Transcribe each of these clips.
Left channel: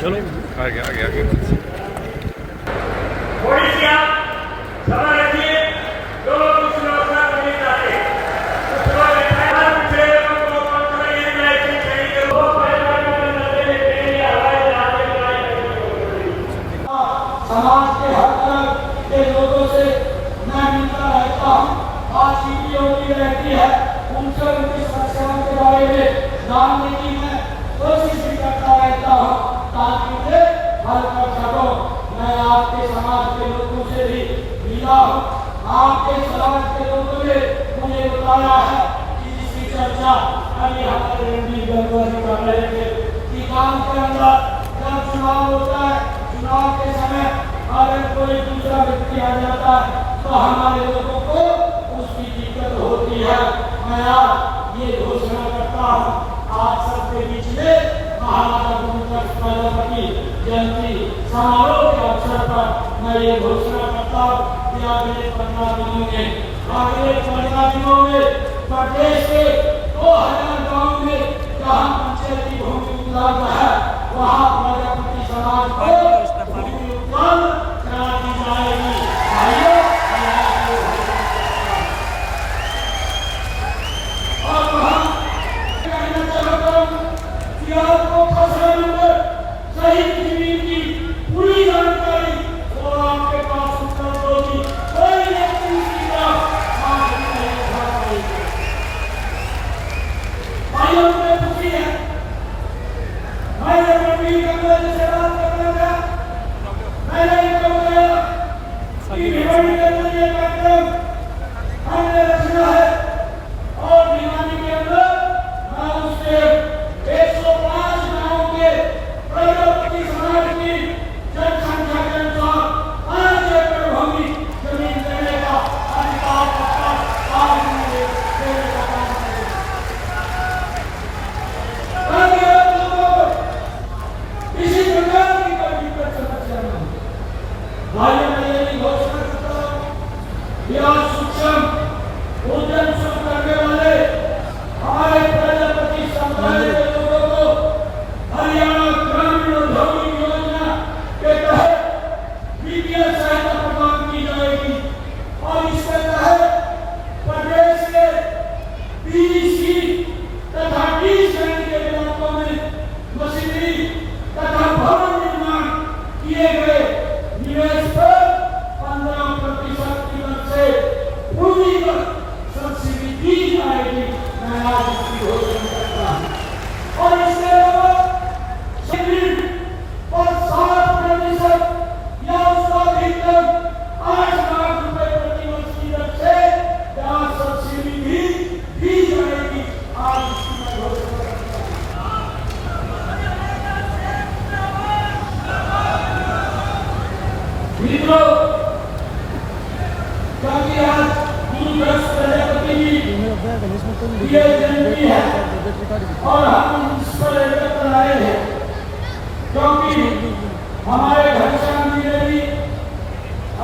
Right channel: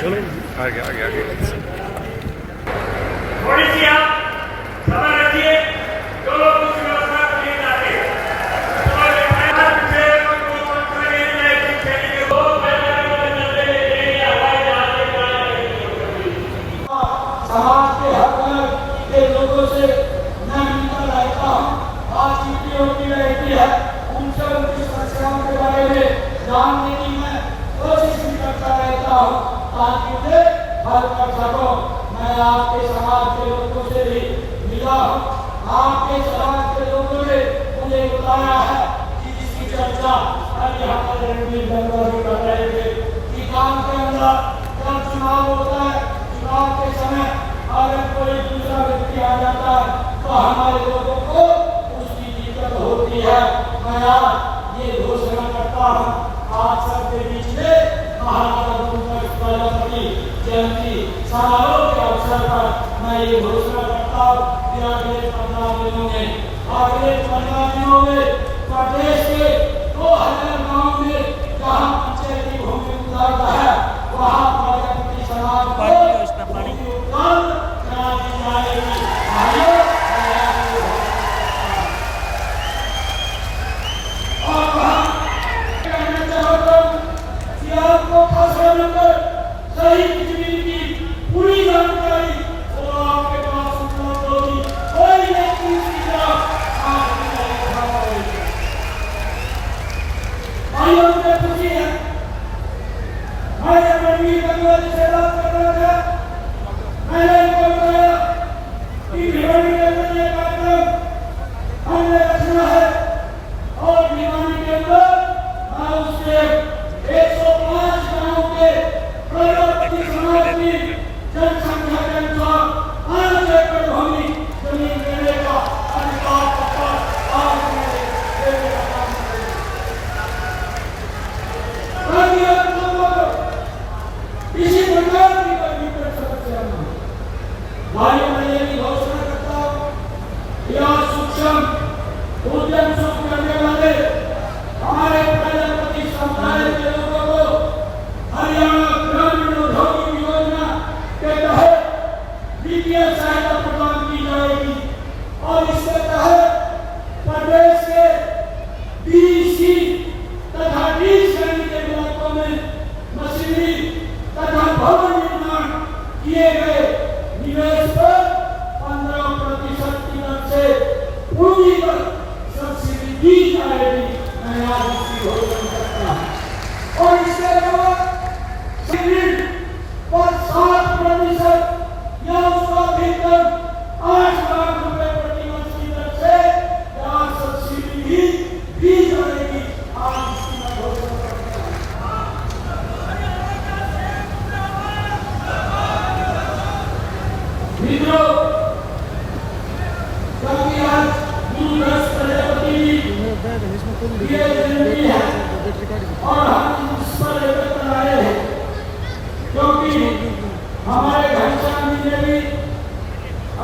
चलो आगे आगे आगे। थोड़ी सी आप समय रखिए, जो लोग कुछ व्यवस्था को नहीं चाहते समाज के हर वर्ग के लोगों से मैं मिलता रहता हूँ, बातचीत होती रहती है, उनसे उनकी समस्याओं के बारे में जानने की मैं कोशिश भी करता रहता हूँ ताकि उन्हें हल कर सकूं। मैं आपके समाज के लोगों से भी मिला हूँ, आपके समाज के लोगों ने मुझे बताया है कि जिसकी चर्चा कल यहाँ पर कर रहे थे कि गाँव के अंदर जब चुनाव होता है, चुनाव के समय अगर कोई दूसरा व्यक्ति आ जाता है तो हमारे लोगों को उसकी दिक्कत होती है। मैं आज ये घोषणा करता हूँ आप सबके बीच में महाराजा गुरुप्रसाद जयंती समारोह के अवसर पर मैं ये घोषणा करता हूँ कि अगले 15 दिनों में प्रदेश के 2000 गाँव में जहाँ पंचायती भूमि उपलब्ध है वहाँ प्रजापति समाज को भूमि उपलब्ध करा दी जाएगी। और वहाँ कहना चाहता हूँ कि आपको खसरा नंबर सही जमीन की पूरी जानकारी और आपके पास उपलब्ध होगी। कोई व्यक्ति उसकी तरफ हाथ नहीं उठा पाएगा। भाइयों में खुशी है, मैं जब रणवीर गंगा जी से बात करना गया, मैंने इनको बताया कि भिवानी के अंदर ये कार्यक्रम हमने रखना है और भिवानी के अंदर मैं उसके 105 गाँव के प्रजापति समाज की जनसंख्या के अनुसार 5 एकड़ भूमि जमीन देने का अधिकार पत्र आज मैं देने का काम करूंगा। मैं आप लोगों को किसी प्रकार की कोई दिक्कत समस्या नहीं। भाइयों ने ये घोषणा करता हूं कि आज सूक्ष्म उद्यम शुरू करने वाले हमारे प्रजापति समुदाय के लोगों को हरियाणा ग्रामीण औद्योगिक योजना के तहत वित्तीय सहायता प्रदान की जाएगी और इसके तहत प्रदेश के बीसी तथा डी श्रेणी के इलाकों में मशीनरी तथा भवन निर्माण किए गए निवेश पर 15% की दर से पूरी सब्सिडी दी जाएगी। मैं आज इसकी घोषणा करता हूं और इसके अलावा जमीन पर 7% या उसका अधिकतम 8 लाख रुपए प्रति वर्ष की दर से यहाँ सब्सिडी भी दी जाएगी। आज इसकी मैं घोषणा करता हूं। क्योंकि आज गुरुदास प्रजापति जी ये जयंती है और हम इस पर एकत्र आए हैं क्योंकि हमारे घनश्याम जी ने भी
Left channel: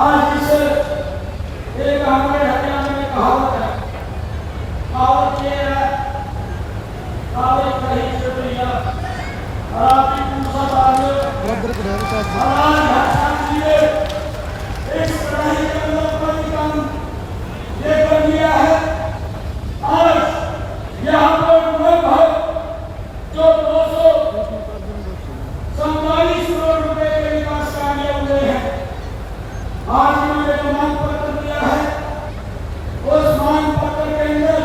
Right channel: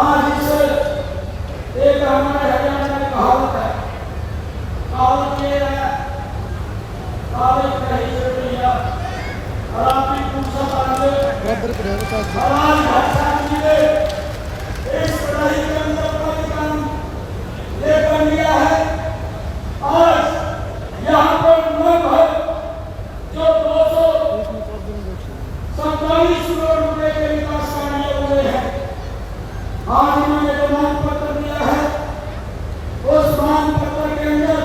आज इस एक हमारे हरियाणा में कहावत है, कहावत ये है आप एक रही चोटिया और आपकी पूछा घनश्याम जी ने इस पढ़ाई के अंदर कोई काम लेकर लिया है। आज यहाँ पर लगभग जो 247 करोड़ रुपए के विकास कार्य हुए हैं, आज इन्होंने मांग पत्र दिया है। उस मांग पत्र के अंदर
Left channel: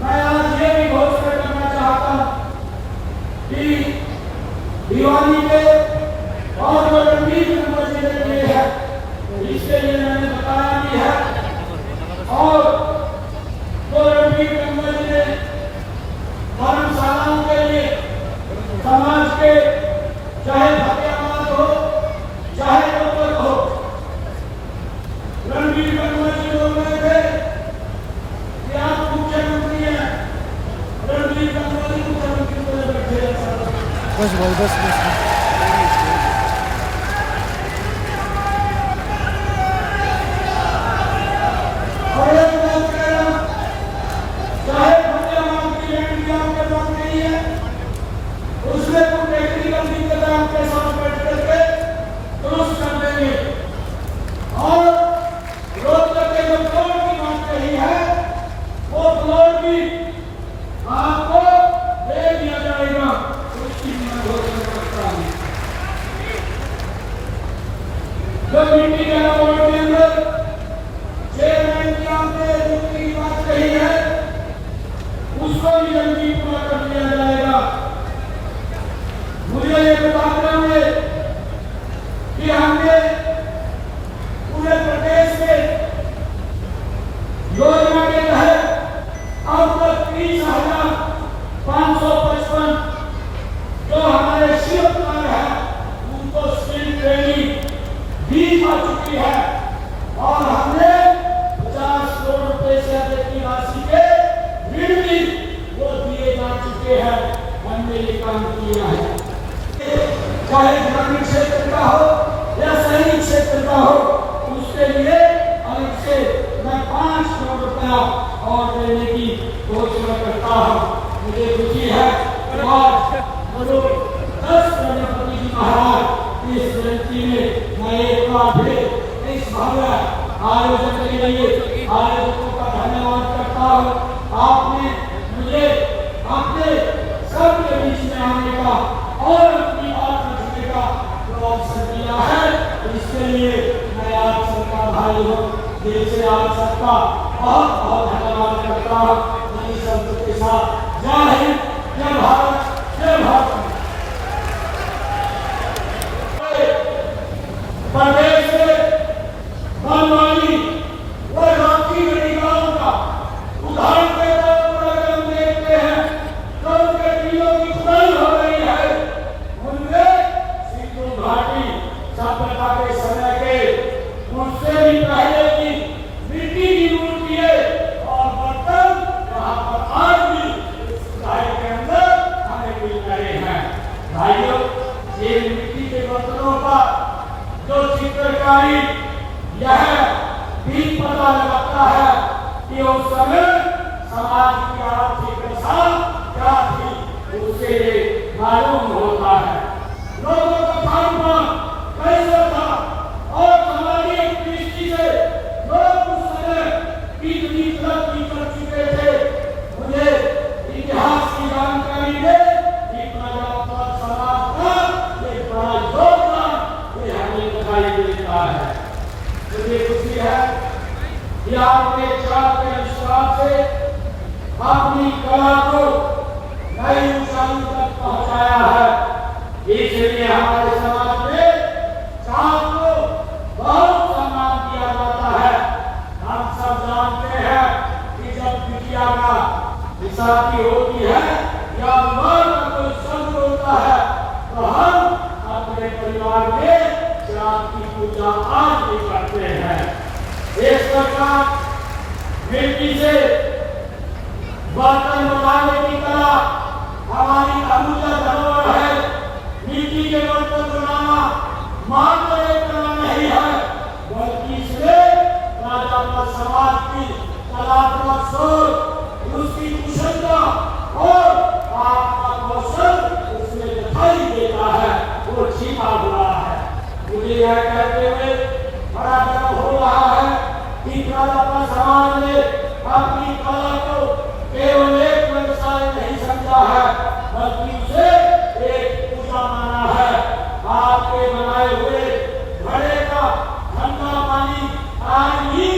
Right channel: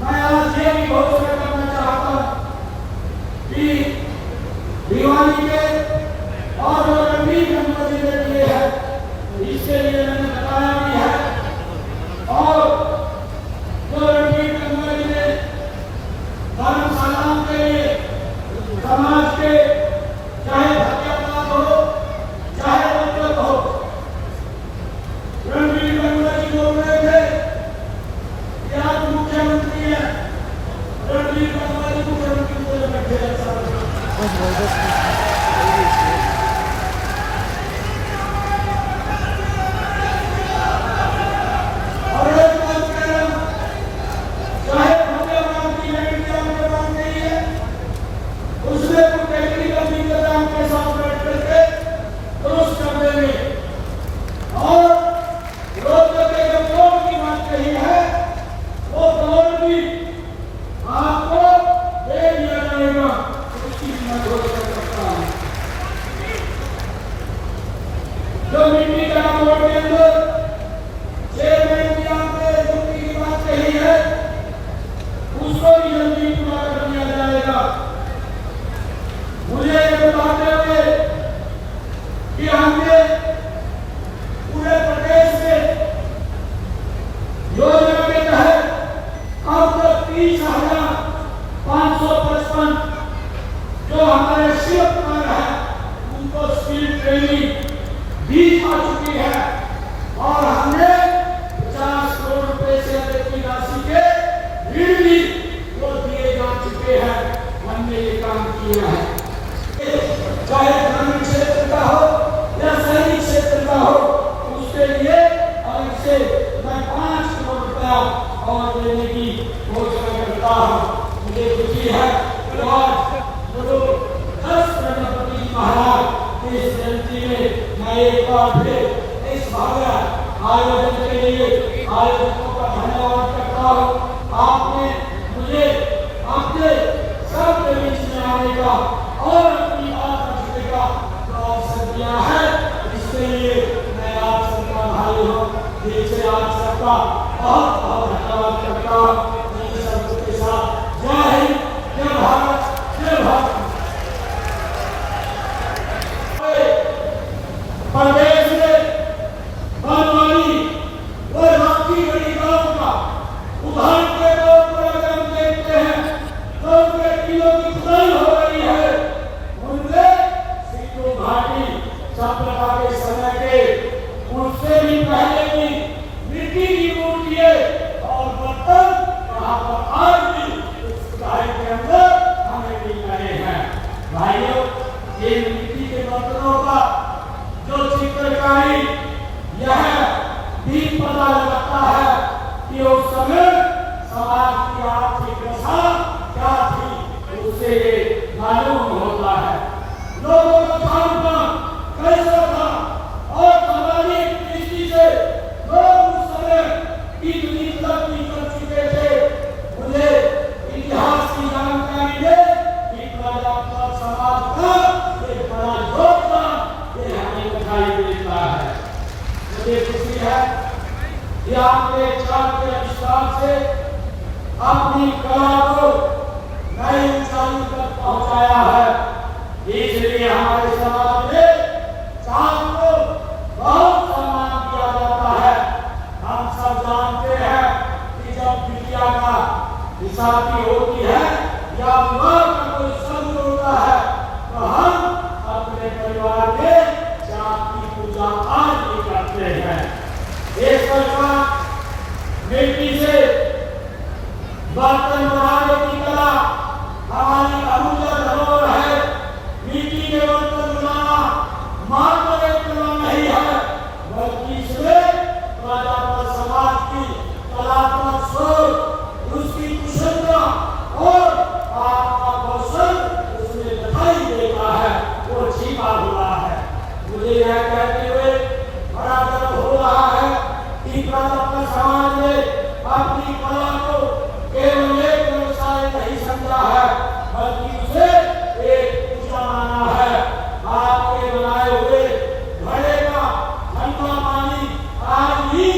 मैं आज ये भी घोषणा करना चाहता हूँ कि भिवानी के और जो रणवीर गंगा जी ने दिए हैं इसके लिए मैंने बताया भी है और जो रणवीर गंगा जी ने धर्मशालाओं के लिए समाज के चाहे फतेहाबाद हो चाहे रोहतक हो, रणवीर गंगा जी बोल रहे थे कि आप मुख्यमंत्री हैं, रणवीर गंगा जी मुख्यमंत्री को बैठे उसने तो टेक्निकल जिम्मेदार हैं, हमने ये काम किया है। चाहे ग्रामीण क्षेत्र का हो या शहरी क्षेत्र का हो, उसके लिए अलग से मैं 5 करोड़ रुपया और देने की घोषणा करता हूँ। मुझे खुशी है और 10 गणपति जी महाराज इस जयंती में मैं एक बार फिर इस भव्य आयोजन के लिए आयोजकों का धन्यवाद करता हूँ। आपने मुझे अपने सबके बीच में आने का और अपनी बात रखने का अवसर दिया है। इसके लिए मैं आप सबका भाई हूँ, दिल से आप सबका बहुत बहुत धन्यवाद करता हूँ। मेरी सबके साथ जय हिंद, जय भारत, जय भारत। प्रदेश में बनवारी व राखी गढ़ीगांव का उदाहरण के तौर पर अगर हम देखते हैं तो उनके किलों की खुदाई हो रही है। उनमें सिंधु घाटी सभ्यता के समय के उससे भी पहले की मिट्टी की मूर्तियां और बर्तन यहाँ पर आज भी इस शहर के अंदर हमें मिल रहे हैं। भाइयों, ये मिट्टी के बर्तनों का जो चित्रकारी यह भी पता लगता है कि उस समय समाज की आर्थिक दशा क्या थी, उसे मालूम होता है। लोगों का खान-पान कैसा था और हमारी दृष्टि से लोग उस समय कितनी तरक्की कर चुके थे, मुझे इतिहास की जानकारी दे कितना जातिवाद समाज का एक बड़ा योगदान ये हमें दिखाई देता है। मुझे खुशी है कि आपने चार के विश्वास से अपनी कला को नई ऊंचाई तक पहुंचाया है। इसलिए हमारे समाज में चाँद को बहुत सम्मान दिया जाता है। हम सब जानते हैं कि जब बिटिया का निशानी होती है या विवाह का कोई संग होता है तो हम अपने परिवार में चाँद की पूजा आज भी करते हैं। एक प्रकार मिट्टी से बर्तन बनाने की कला हमारी अमूल्य धरोहर है। मिट्टी के बर्तन बनाना मात्र एक कला नहीं है, बल्कि इसमें राजापन समाज की कलात्मक सोच, उसकी कुशलता और आपका कौशल उसमें दिखाई देता है, वो छिपा हुआ है। मुझे यह कहते हुए बड़ा गर्व हो रहा है कि राजापन समाज ने अपनी कला को केवल एक व्यवसाय नहीं समझा है, बल्कि उसे एक पूजा माना है। आपके बनाए हुए घड़े का ठंडा पानी आज भी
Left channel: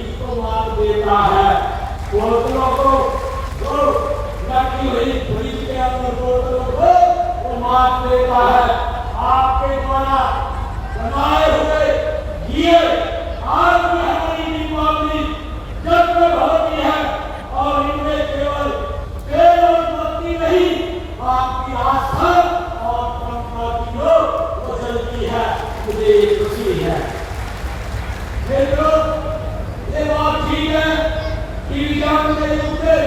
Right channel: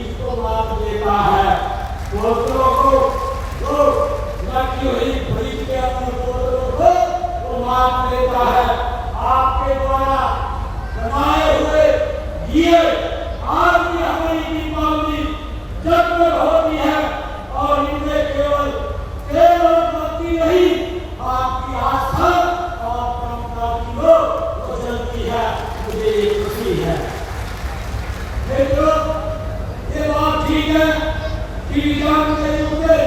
इसको लाभ देता है। बोतलों को जो लगी हुई फ्रिज के अंदर बोतलों को वो मार देता है। आपके द्वारा बनाए हुए दिए आज भी हमारी दीपावली जगमग होती है और इनमें केवल बत्ती नहीं, आपकी आस्था और परंपरा की ओर चलती है। मुझे खुशी है। मित्रों, ये बात ठीक है कि विज्ञान के युग में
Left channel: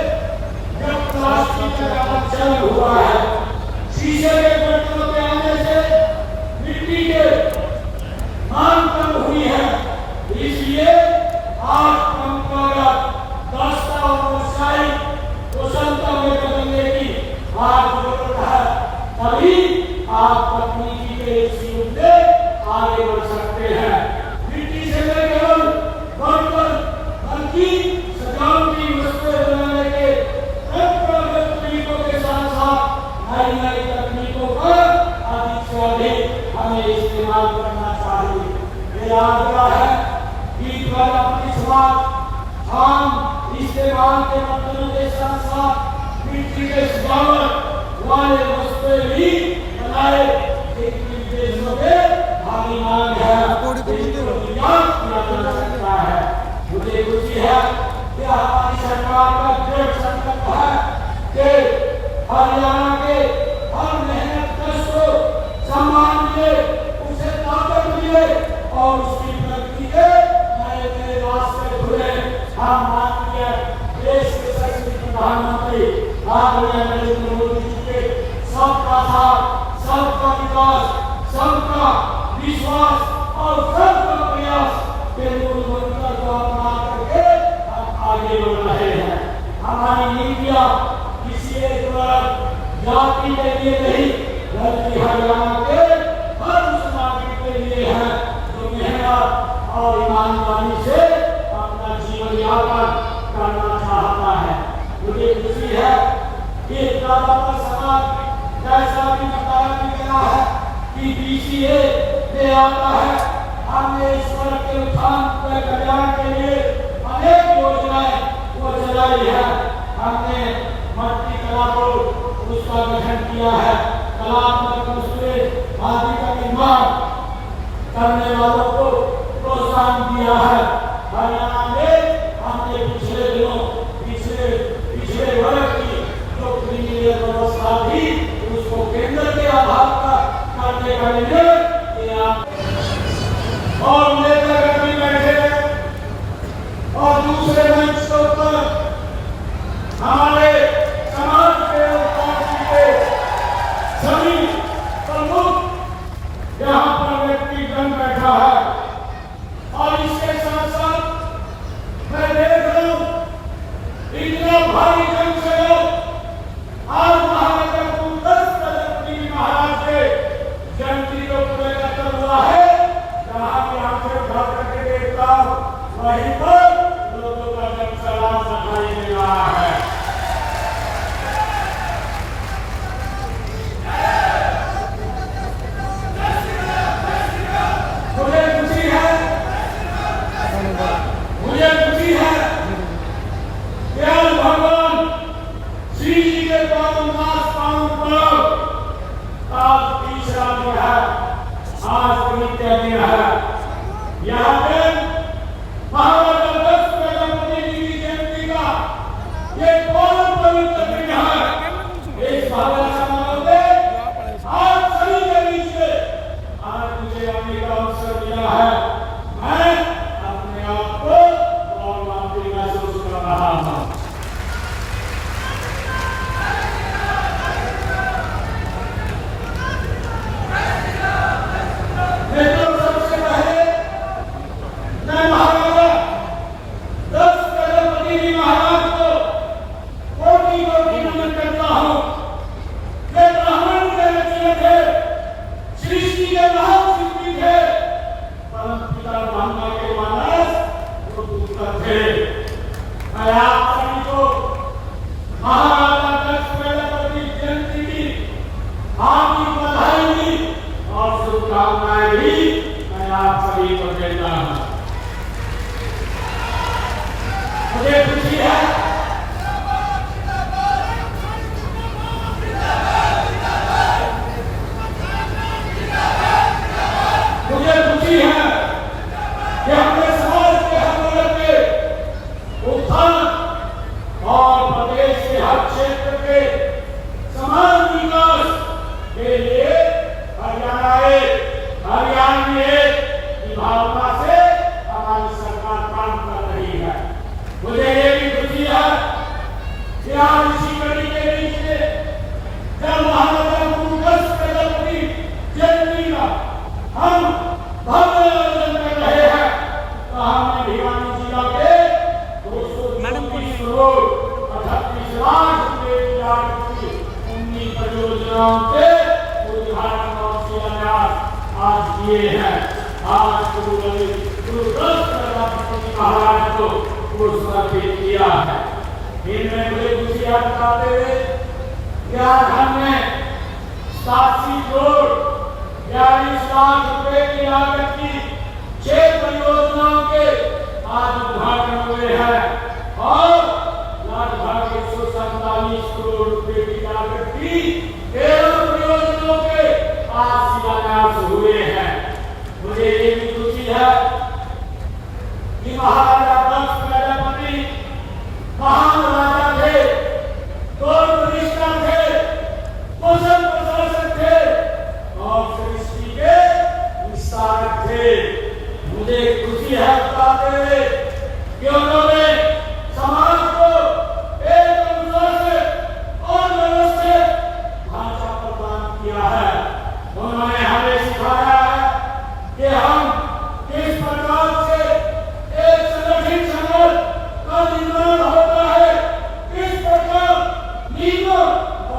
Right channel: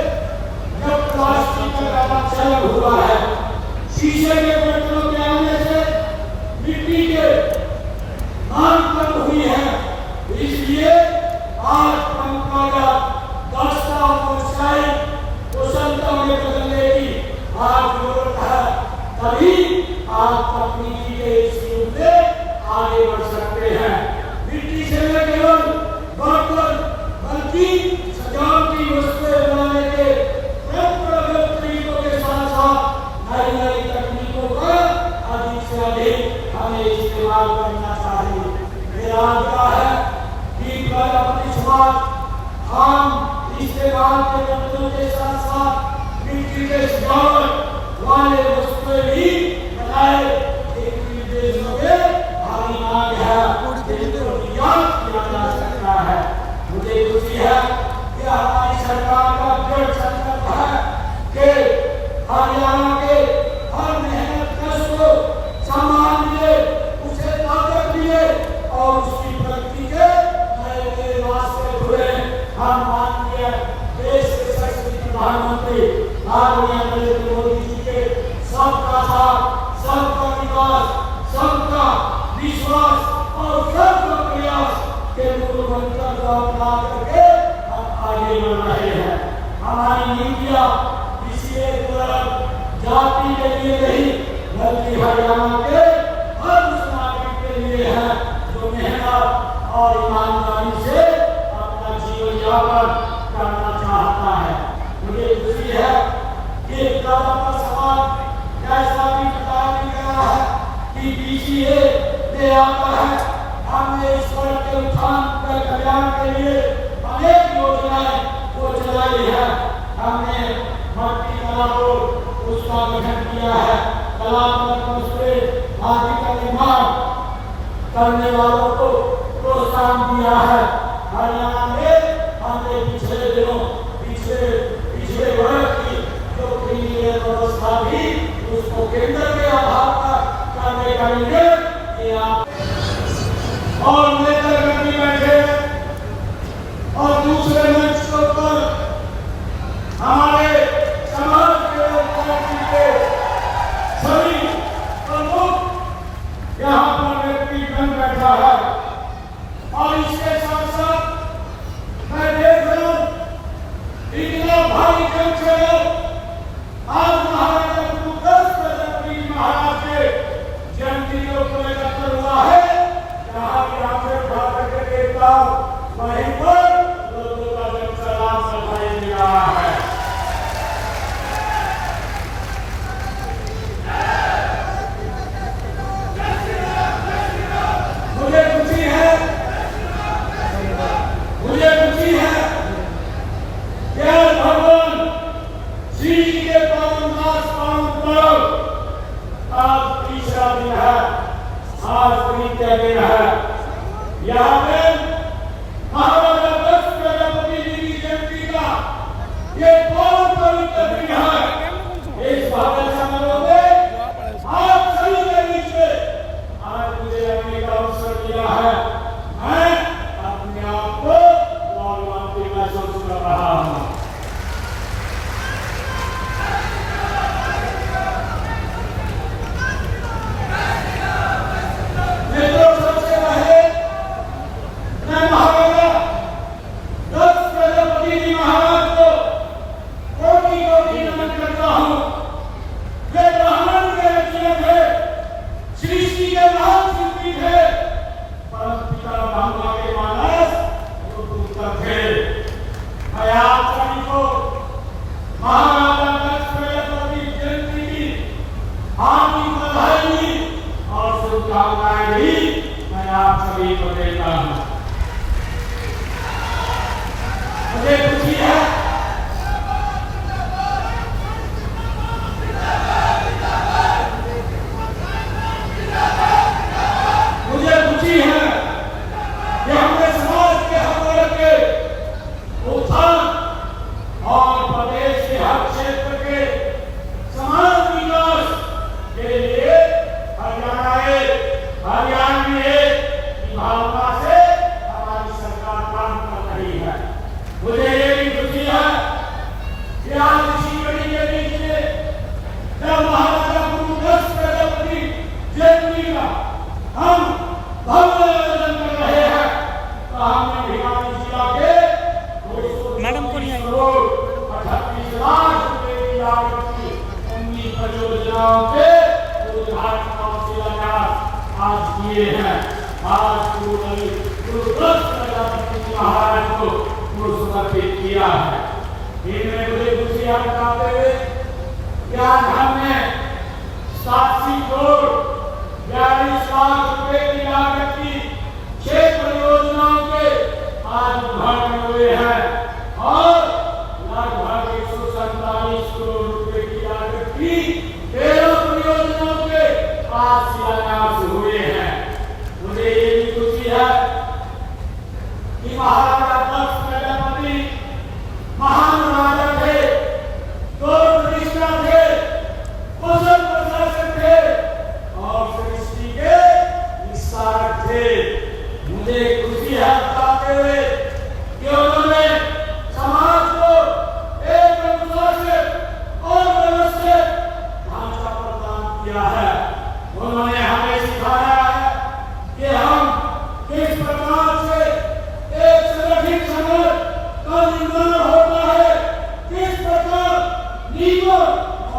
जब प्लास्टिक का आविष्कार हुआ है, शीशे के बर्तनों के आने से मिट्टी के मांग कम हुई है। इसलिए आज परंपरागत दस्ता और व्यवसाय कुशलता में बदलने की आज जरूरत है, तभी आप तकनीकी के इस युग में आगे बढ़ सकते हैं। मिट्टी से न केवल बर्तन बल्कि सजावटी वस्तुएं बनाने के परंपरागत तरीकों के साथ साथ नई नई तकनीकों का अधिक से अधिक हमें इस्तेमाल करना चाहिए। मेरा आग्रह है कि कल अपनी समाज हम इस्तेमाल के बर्तनों के साथ साथ मिट्टी के सजावट वाले वस्तुएं भी नहीं किया। किसी एक जाति के लिए नहीं, बल्कि हरियाणा के हर उस नागरिक के लिए है जो मेहनत और ईमानदारी से अपना जीवन यापन करना चाहता है। मुझे खुशी है कि ज्यादातर समाज जैसा भी बताया गया है कि BCA में आता है। हमने इस वर्ग के उत्थान के कल्याण के लिए अनेक योजनाएं वो चलाई है। हमने मट्टी कला को उसका गठन किया है। कलात्मक रूप से माटी का निर्माण करने वालों को प्रोत्साहन दिया है। हरियाणा में हमने पिछले दिनों पिछले वर्ग की जो प्रीमियम व्यवस्था थी उसको केंद्र के आधार पर करने का निर्णय किया और नेतागण भी बैठे और दूसरे मंच के ऊपर हमारे समाज के पार्टी के सभी प्रमुख यहाँ पर व्यक्तिगण बैठा है। और इसके साथ साथ मैं देख रहा हूँ इतना भारी जन से लोग आज महाराजा गुरुदास महाराज के जयंती को लेकर हुआ है। यहाँ से उठा करके देखता हूँ वहीं पर लोगों का जन सलाम दिखाई दे रहा है। मुझे खुशी है कि भगवान श्री जी के पावन पर्व आज तीसरा दिन है, आज तृतीय दिन है। यहाँ पे महाराजा दक्ष प्रजापति जी की जयंती का ये पावन पवित्र दिन है। इस भव्य समारोह में आप सभी के बीच में आज मुझे आने का अवसर मिला है। मैं अपने आप को गौरवान्वित महसूस कर रहा हूँ।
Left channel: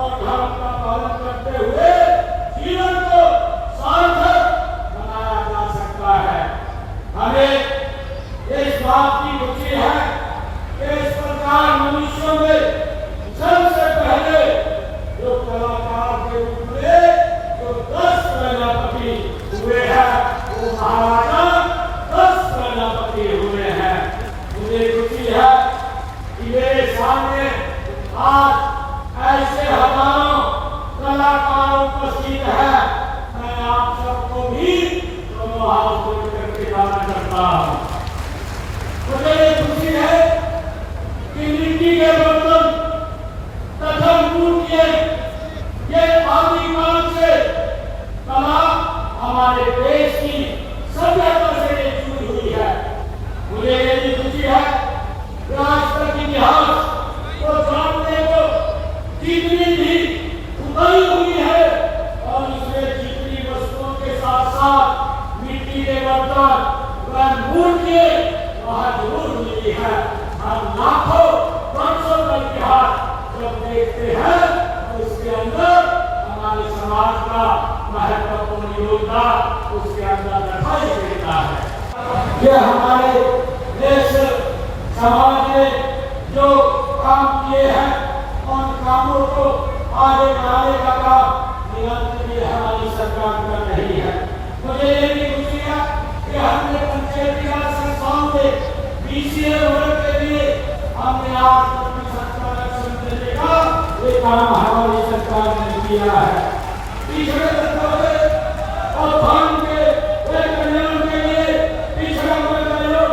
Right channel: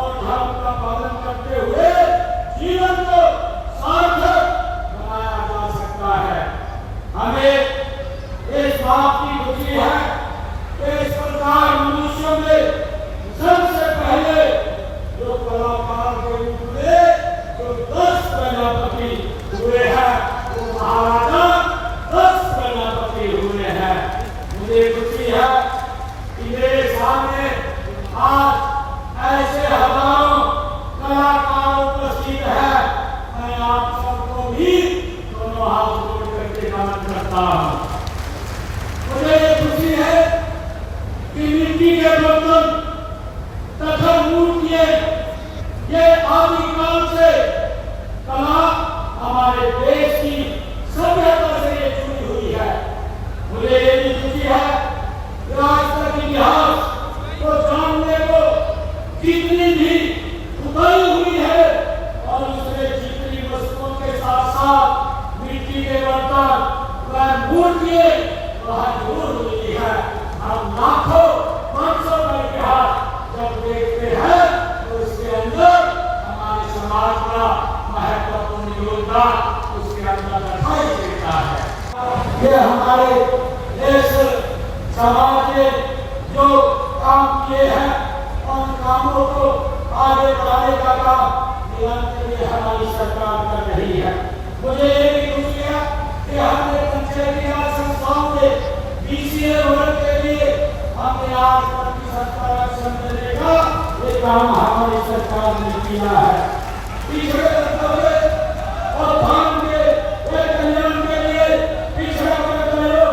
और धर्म का पालन करते हुए जीवन को सार्थक बनाया जा सकता है। हमें इस बात की रुचि है कि इस प्रकार मनुष्यों में सबसे पहले जो कलाकार के रूप में जो 10 प्रजापति हुए हैं वो महाराजा 10 प्रजापति हुए हैं। मुझे खुशी है कि मेरे सामने आज ऐसे हजारों कलाकार उपस्थित है। मैं आप सबको भी दोनों हाथ जोड़ करके नमन करता हूँ। मुझे खुशी है कि मिट्टी के बर्तन तथा मूर्तियां ये आदिकाल से कला हमारे देश की सभ्यता से जुड़ी हुई है। मुझे ये भी खुशी है कि आज तक इतिहास को जानने को जितनी भी उतरी हुई है और उसमें जितनी वस्तुओं के साथ साथ मिट्टी के बर्तन व मूर्तियां वहाँ जरूर मिली है। हम लाखों वर्षों का इतिहास जब देखते हैं तो इसके अंदर हमारे समाज का महत्वपूर्ण योगदान उसके अंदर दिखाई देता है। ये हमारे देश समाज ने जो काम किए हैं उन कामों को आगे बढ़ाने का काम निरंतर ये हमारी सरकार कर रही है। मुझे ये भी खुशी है कि हमने पंचायती राज संस्थाओं में बीसीए वर्ग के लिए हमने आज आरक्षण देने का ये काम हमारी सरकार ने किया है। पिछड़े वर्गों और भाग के कल्याण के लिए पिछड़े वर्गों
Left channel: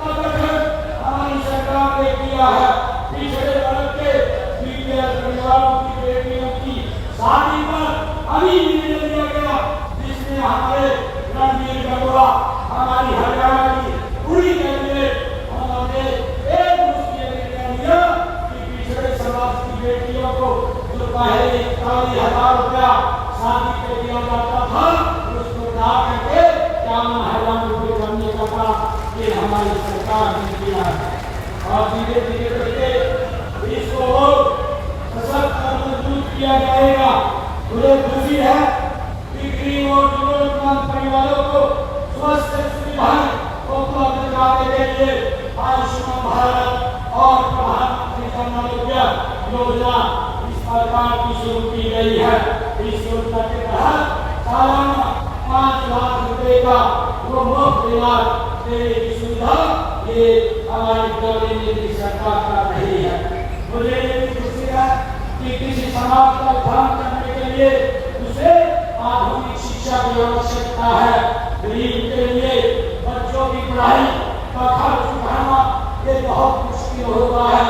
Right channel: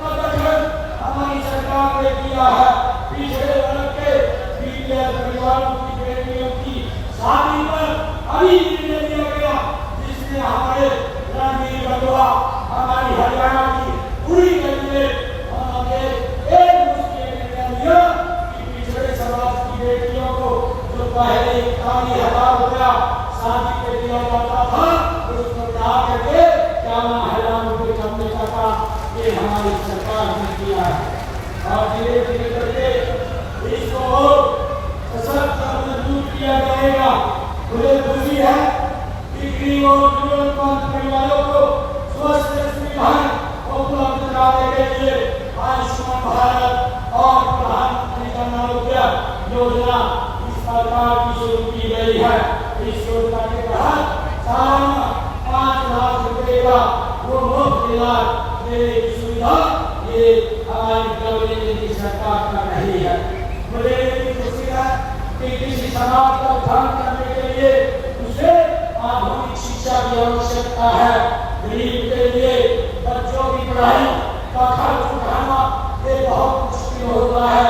का गठन हमारी सरकार ने किया है। पिछड़े वर्ग के बीपीएल परिवारों की बेटियों की शादी पर अभी निर्णय लिया गया जिसमें हमारे रणवीर बरुआ हमारी हरियाणा की पूरी कैबिनेट उन्होंने एक मुश्किल निर्णय लिया कि पिछड़े समाज की बेटियों को जो पहले 40,000 रुपया शादी पे दिया जाता था उसको बढ़ा करके 51,000 रुपये करने का काम ये हमारी सरकार ने किया है। और धीरे धीरे करके इसको सशक्त और मजबूत किया जाएगा। मुझे खुशी है कि गरीब और जरूरतमंद परिवारों को स्वस्थ सुविधाएं उपलब्ध कराने के लिए आयुष्मान भारत और प्रधानमंत्री जन आरोग्य योजना इस प्रकार की शुरू की गई है। इस योजना के तहत सालाना 5 लाख रुपए का वो मुफ्त इलाज देने की सुविधा ये हमारी गवर्नमेंट की सरकार कर रही है। मुझे ये भी खुशी है कि किसी समाज का उद्धार करने के लिए उसे आधुनिक शिक्षा की आवश्यकता है। गरीब के लिए बच्चों की पढ़ाई का खर्च उठाना ये बहुत मुश्किल होता है।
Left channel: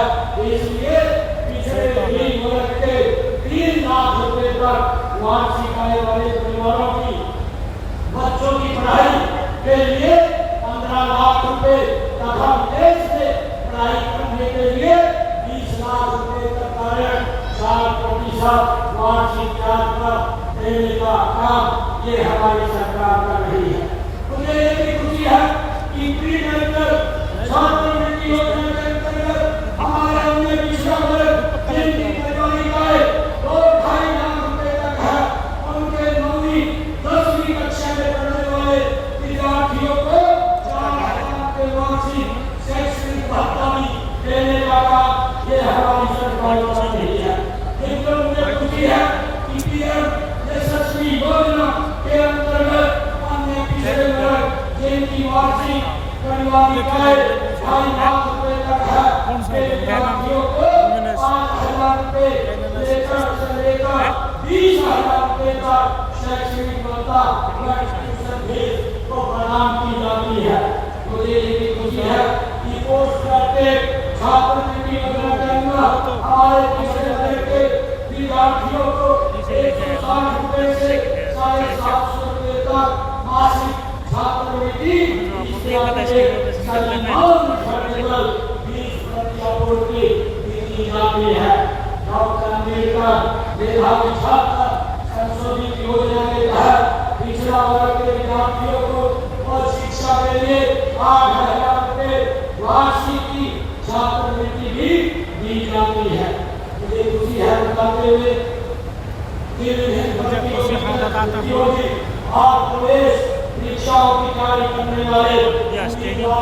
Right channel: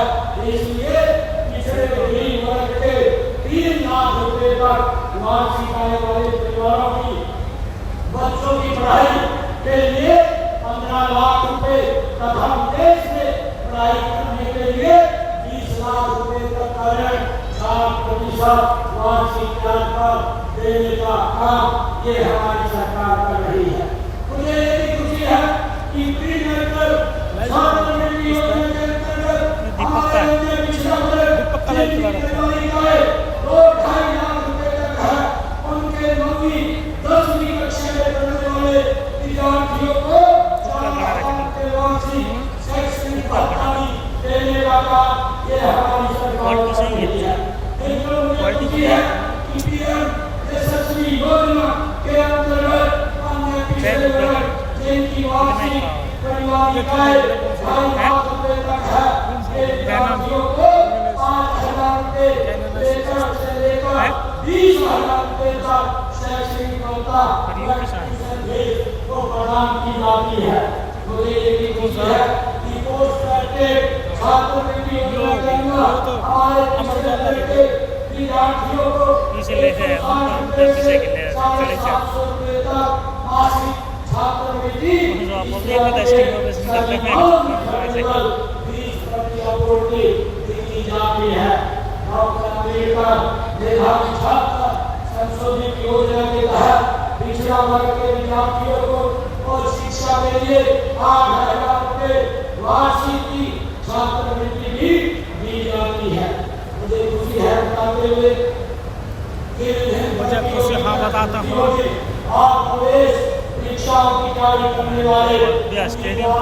इसलिए पिछड़े गरीब वर्ग के 3 लाख रुपए तक वार्षिक आय वाले परिवारों की बच्चों की पढ़ाई के लिए 15 लाख रुपए तथा देश में पढ़ाई करने के लिए 20 लाख रुपए तक का ऋण 4% वार्षिक ब्याज पर देने का काम ये हमारी सरकार कर रही है। मुझे ये खुशी है कि प्रीमेडिकल छात्रवृत्ति योजना के अंतर्गत हमारे अन्य पिछड़ा वर्ग जिनकी कमाई आय 2-2.5 लाख रुपए तक है उनके 9वीं 10वीं कक्षा में पढ़ने वाले विद्यार्थियों को 4,000 रुपए वार्षिक शैक्षणिक भत्ता देने का काम ये हमारी सरकार कर रही है। मुझे खुशी है कि पीएम यशस्वी योजना के अंतर्गत अन्य पिछड़े वर्ग जिनकी वार्षिक कल्याण आय 2.5 लाख रुपए तक है विद्यार्थियों को 5,000 रुपए से लेकर 20,000 रुपए तक शैक्षणिक भत्ता को प्रदान की जाती है। मुझे ये भी खुशी है कि पोस्ट ग्रेजुएट छात्रवृत्ति योजना के अंदर हमारे पिछड़े वर्ग के विद्यार्थियों को 1,60 रुपए से 750 रुपए तक मासिक छात्रवृत्ति दी जाती है। डॉक्टर अम्बेडकर मेधावी छात्र संशोधित योजना के तहत पिछड़ा वर्ग के विद्यार्थियों को और शिक्षा के लिए 8,000 रुपए वार्षिक की छात्रवृत्ति भी दी जाती है। मुझे खुशी है बताते हुए मुझे कुछ हाँ बताता हूँ। और प्रवेश परीक्षाओं की तैयारी करने वाले स्टेडियम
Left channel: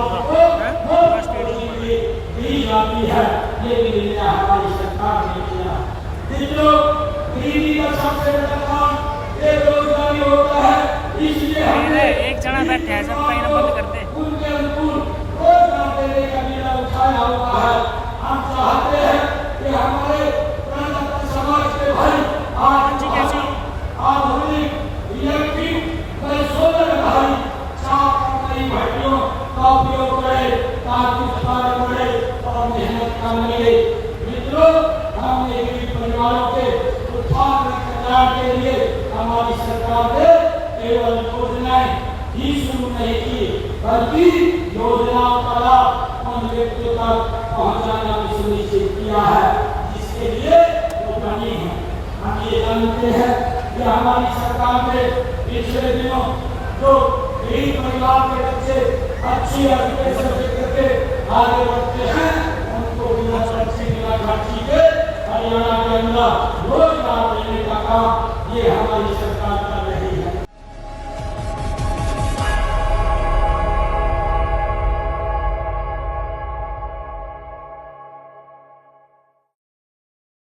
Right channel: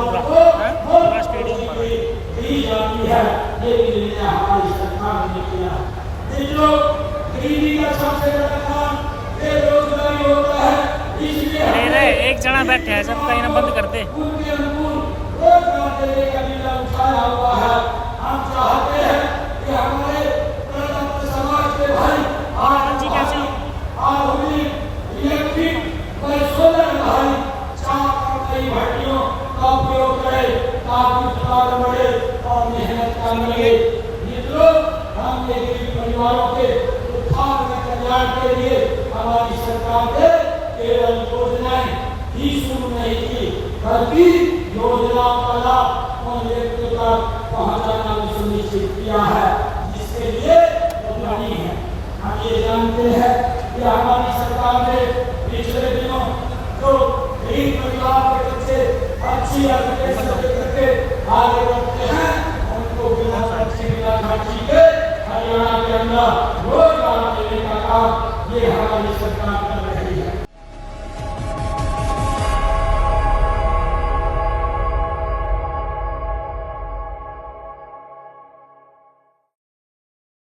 गरीब आदमी है, ये निर्णय हमारी सरकार ने किया। मित्रों, गरीबी का सबसे बड़ा कारण बेरोजगारी होता है, इसलिए एक जना बैठे हैं, सब कहीं ना बंद कर दे। उनके अनुकूल रोजगार देने का निर्णय उठाया हुआ है। हम चाहते हैं कि हमारे प्रजातंत्र समाज के भाई आधुनिक इलेक्ट्रिक व सोलर भाई चार नई भट्टियों का उपयोग करें ताकि उत्पादन बढ़े और मेहनत कम लगे। मित्रों, हमने गरीब परिवारों के उत्थान व कल्याण के लिए हमारी सरकार ने केवल योजनाएं ही शुरू नहीं की, बल्कि योजनाओं का लाभ उन व्यक्तियों तक पहुंचाना भी सुनिश्चित किया है, जिसके लिए उपलब्धि है। हम ये जानते हैं कि हमारी सरकार ने पिछले दिनों जो गरीब परिवार के बच्चे अच्छी एजुकेशन करके आगे बढ़ते